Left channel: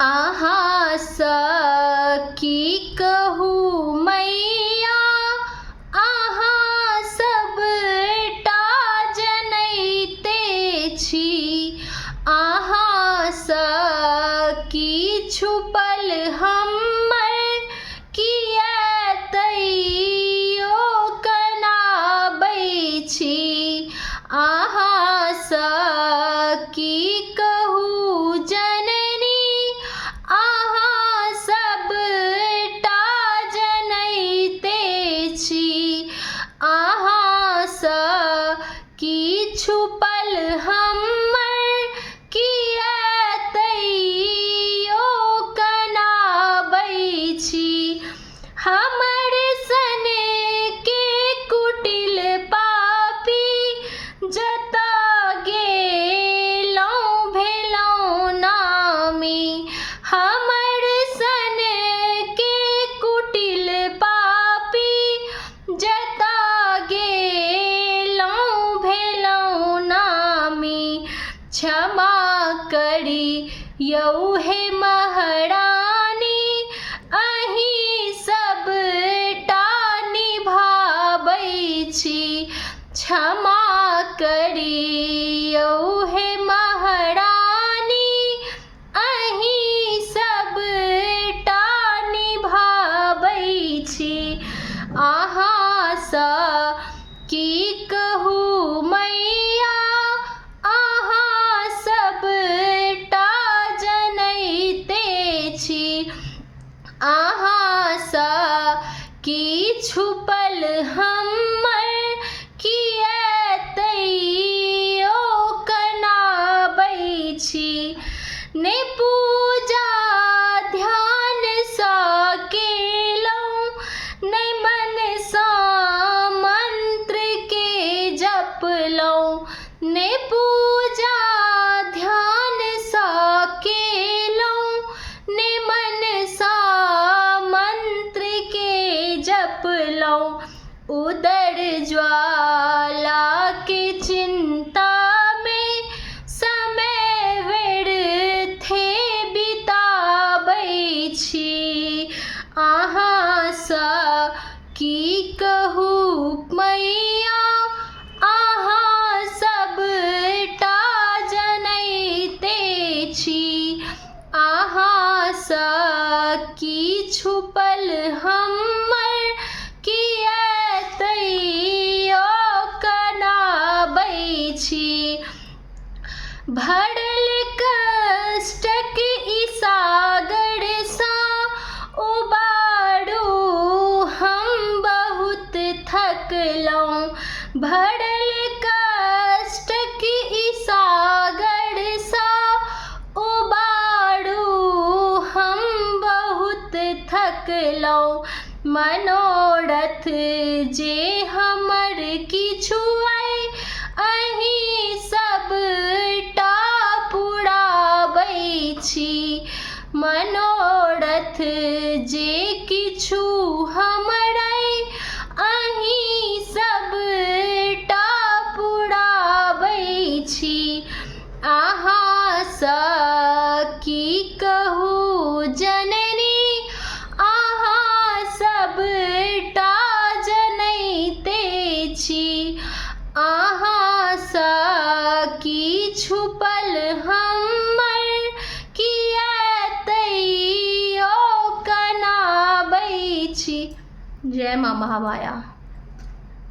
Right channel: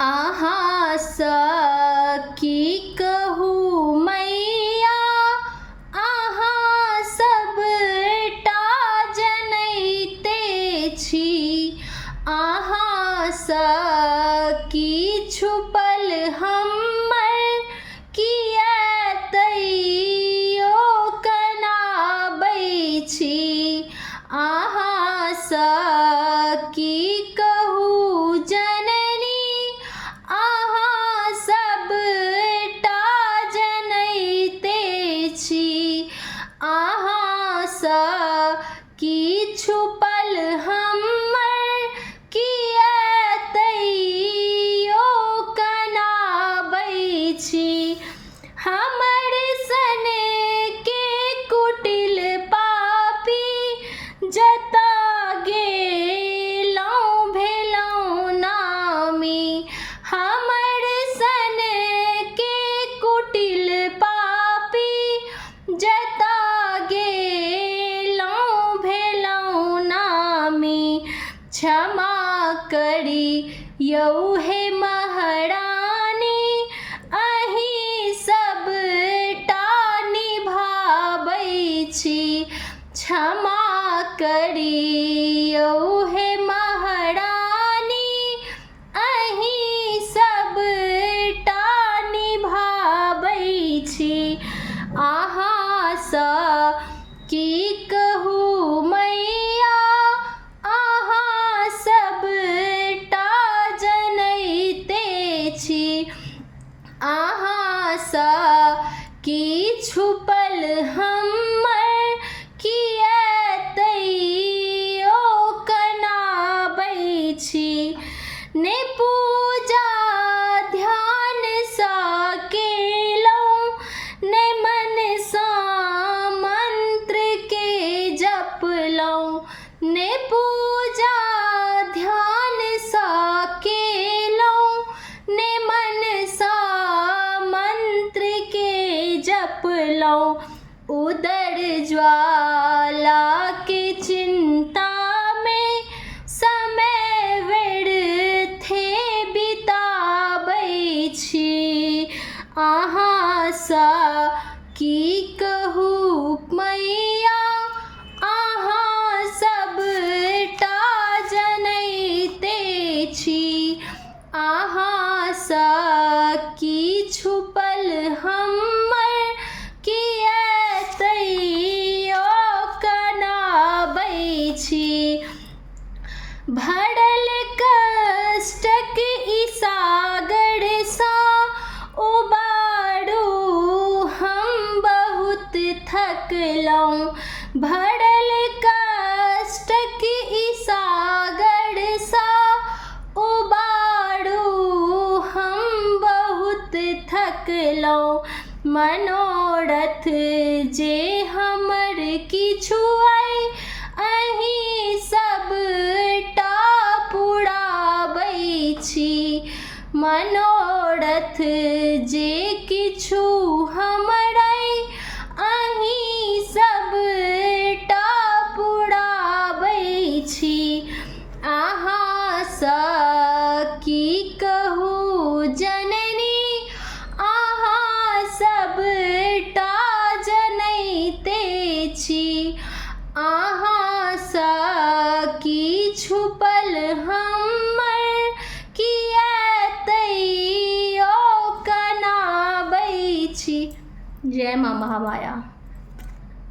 आहा सकी कहू मैया आहा सबटा जनैते छी। आहा सकी छुपल हम्मर किएतैयो कनाबै छी। आहा सकी कहू जननी आहा सबटा जनैते छी। आहा सकी छुपल हम्मर किएतैयो कनाबै छी। हमर सन के कुटिल पापी जतऽ गेलहुँ भेलहुँ नामी। हमर सन के कुटिल पापी जतऽ गेलहुँ भेलहुँ नामी। क्षमा करी यौ हे महारानी अहीं सबटा निभाबै छी। क्षमा करी यौ हे महारानी अहीं सबटा निभाबै छी। आहा सकी कहू मैया आहा सबटा जनैते छी। आहा सकी छुपल हम्मर किएतैयो कनाबै छी। ने पूजा ध्यान सँ केलहुँ ने मन सँ मंत्र के जपलहुँ। ने पूजा ध्यान सँ केलहुँ ने मन सँ मंत्र के जपलहुँ। उदर ज्वाला के चिंता में समय व्यर्थे बिताबै छी। आहा सकी कहू मैया आहा सबटा जनैते छी। आहा सकी छुपल हम्मर किएतैयो कनाबै छी। भरल कष्टक ई सागर सँ उबारू हम बहुत थकलहुँ। भरल कष्टक ई सागर सँ उबारू हम बहुत थकलहुँ। मनोरथ जे हमर किछु अइ अहीं सबटा पुराबै छी। मनोरथ जे किछु हमर अइ अहीं सबटा पुराबै छी। आहा सकी कहू जननी आहा सबटा जनैते छी। आहा सकी छुपल हम्मर किएतैयो कनाबै छी। जय माँ महामाया।